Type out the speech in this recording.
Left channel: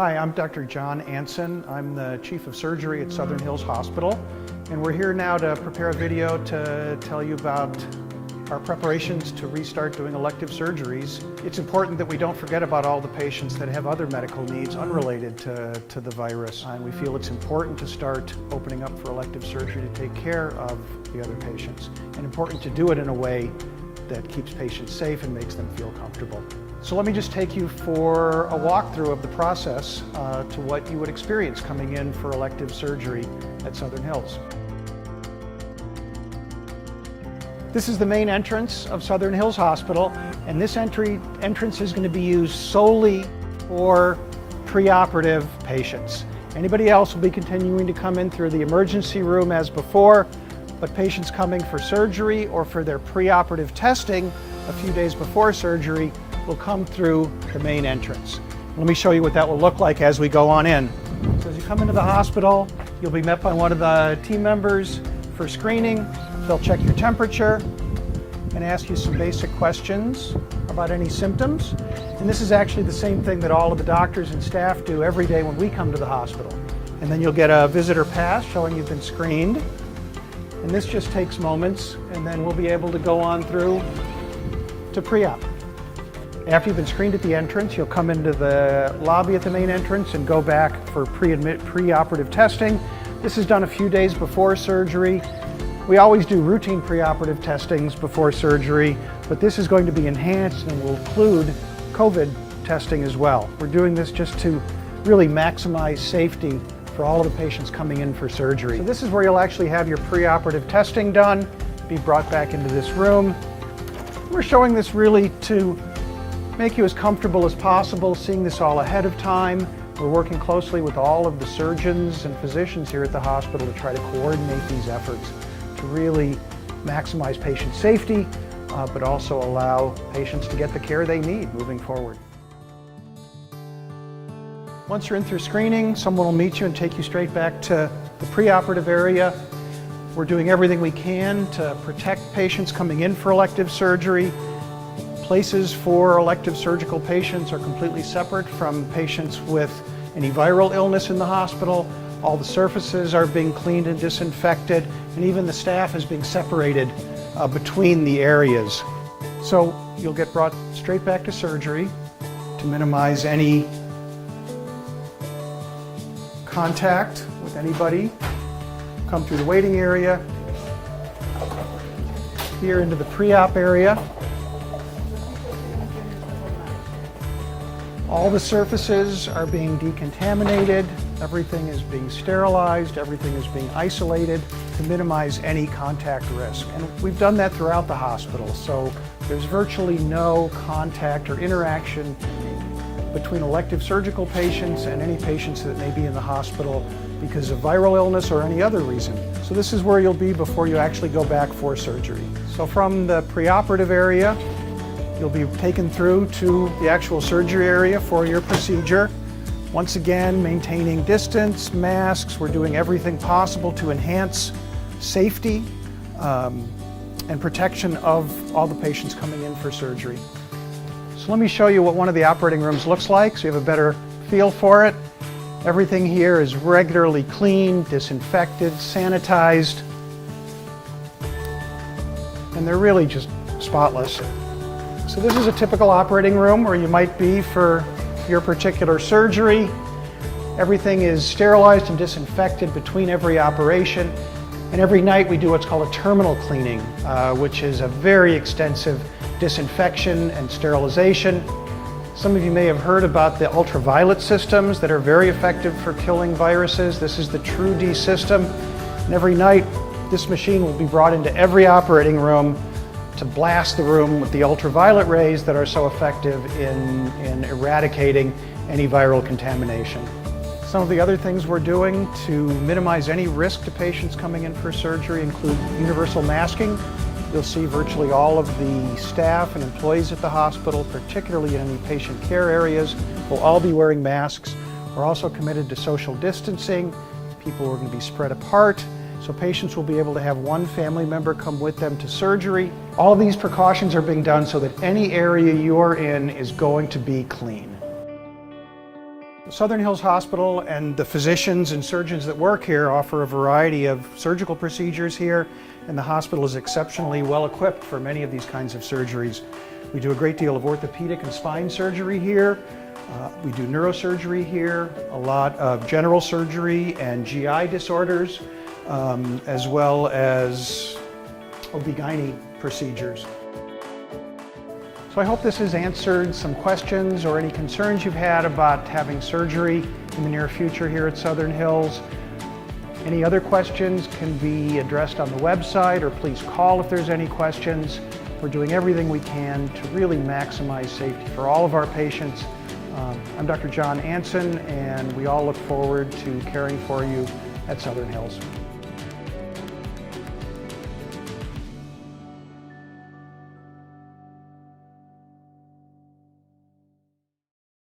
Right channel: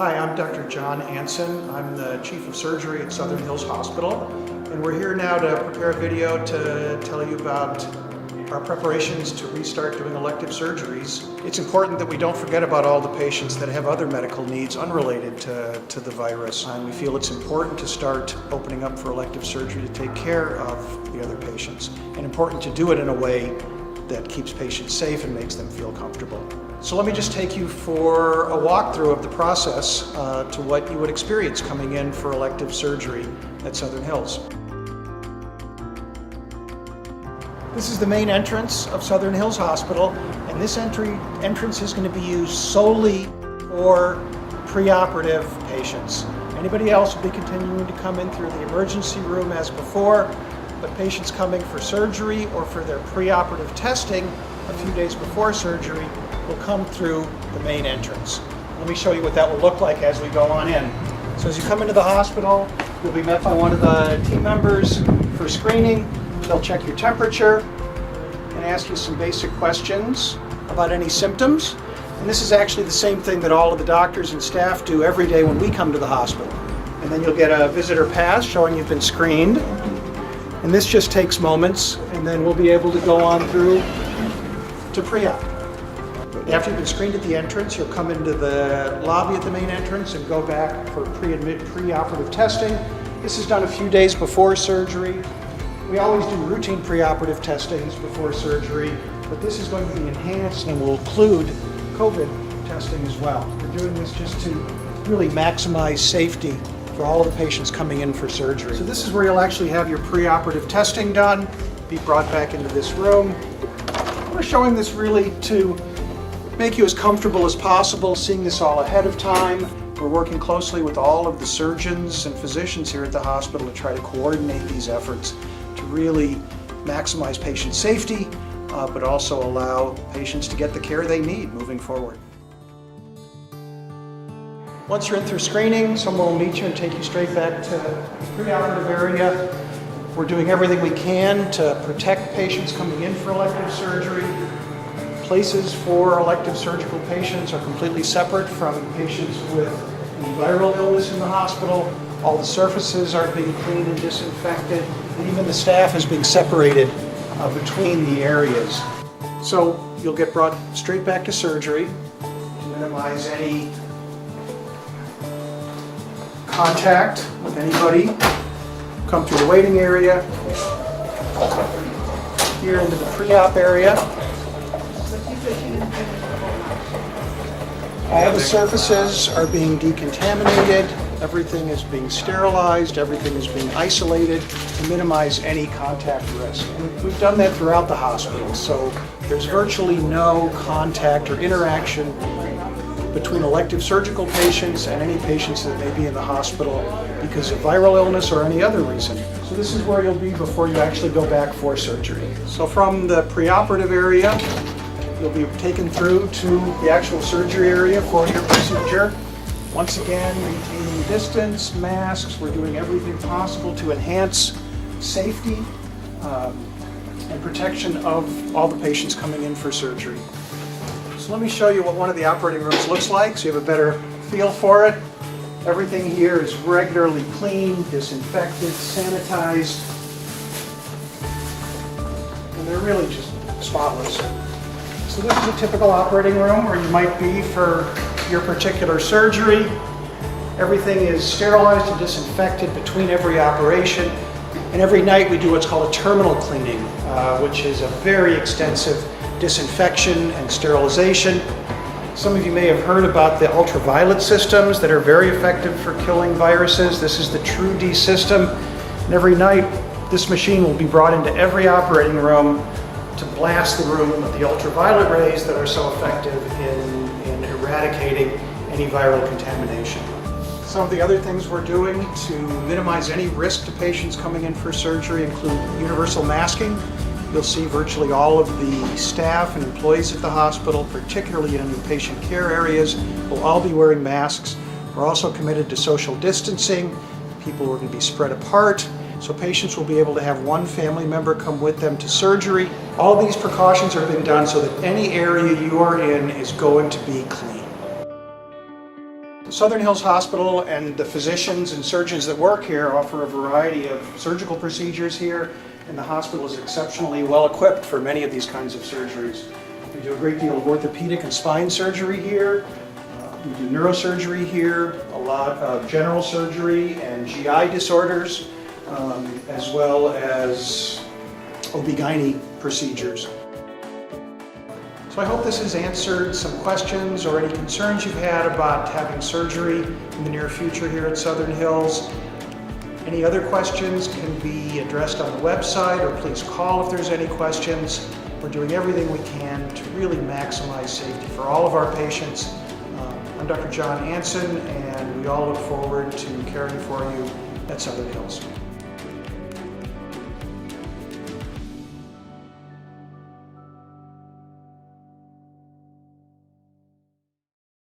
Hi, I'm Dr. John Anson. I'm the Chief of Surgery at Southern Hills Hospital, and we're here now to prepare a video to tell you about our preparations to restart doing elective surgeries. It's important that we don't forget about all the patients that have other medical needs unrelated to the virus. And we feel it's important to start opening up for elective surgery to take care of the other patients, and important to do it in a way that keeps patients safe and makes them feel comfortable. So let me just take you for a walkthrough of the process to what you would experience coming in for elective surgery at Southern Hills. This is the main entrance of Southern Hills Hospital, and this entrance is going to be used solely for preoperative patients. Anybody else will be continuing to come in through the emergency room as before, but patients coming for surgery or for their preoperative testing a few days before surgery will come through the main entrance. Let me show you what that will look like as we go on in. So as you come into the hospital, you'll be met by one of the team members for screening. They'll check your temperature and ask you some basic questions about any symptoms. And this is actually the same thing that all of the doctors and staff do every day when we come to the hospital. And then you'll get a visitor pass showing you've been screened. And this just takes moments, and then we'll be able to go on through to pre-op. After you've been screened at the entrance, you'll come into the lobby at the main entrance and go back for preoperative testing. This is done a few days before surgery. We always do routine preoperative testings before surgery, but this is going to be enhanced and will include COVID testing as well. We're doing this just to really maximize safety for all of the patients coming in for surgery. So this is where you'll actually have your preoperative testing done, be brought back into this room. We're showing this really to make you as comfortable as possible, seeing this all ahead of time. We're working closely with all of the surgeons and physicians here at the hospital to try to coordinate these efforts to really maximize patient safety, but also allow patients to get the care they need moving forward. Once you're in through screening, someone will meet you and take you straight back to the preoperative area. We're doing everything we can to protect patients coming in for elective surgery. Places for elective surgical patients are completely separate from patients with any viral illness in the hospital. All the surfaces are being cleaned and disinfected, and even the staff is being separated between the areas. So you'll get brought straight back to surgery to minimize any contact with anybody. Come through the waiting area, here into the pre-op area. All the surfaces are being decontaminated, everything is being sterilized, everything is being isolated to minimize any contact risk. And we've done that throughout the hospital, so there's virtually no contact or interaction between elective surgical patients and any patients that may be in the hospital because of viral illness or any other reason. So this is where you'll be before you actually go back for surgery. So from the preoperative area, you'll be taken through to the actual surgery area for your procedure. Once again, maintaining distance, masks, we're doing everything possible to enhance safety and protection of all the patients coming in for surgery. So let me show you what one of the operating rooms looks like so you have a better feel for it. Everything here is regularly cleaned, disinfected, sanitized, and they're really just spotless. So this is a typical operating room where you might be for your particular surgery. Everything is sterilized and disinfected between every operation. And every night we do what's called a terminal cleaning, which is a very extensive disinfection and sterilization. Some of you may have heard about the ultraviolet systems that are very effective for killing viruses. This is the TrueD system. And every night this machine will be brought into every operating room to blast the room with the ultraviolet rays that are so effective in eradicating any viral contamination. Some of the other things we're doing to minimize any risk to patients coming in for surgery include universal masking. You'll see virtually all of the staff and employees at the hospital, particularly in patient care areas, will all be wearing masks. We're also committed to social distancing. People are going to be spread apart, so patients will be able to have one family member come with them to surgery. All of these precautions are being done so that any area you are in is going to be clean. Southern Hills Hospital and the physicians and surgeons that work here offer a variety of surgical procedures here, and the hospital is exceptionally well equipped for many of these kinds of surgeries. We do a great deal of orthopedic and spine surgery here. We do neurosurgery here, a lot of general surgery and GI disorders, as well as OB/GYN procedures. So I hope this has answered some questions or any concerns you've had about having surgery in the near future here at Southern Hills. Any other questions can be addressed on the website, or please call if there's any questions. We're doing everything we can to really maximize safety for all of our patients. I'm Dr. John Anson, and we all look forward to caring for you at Southern Hills.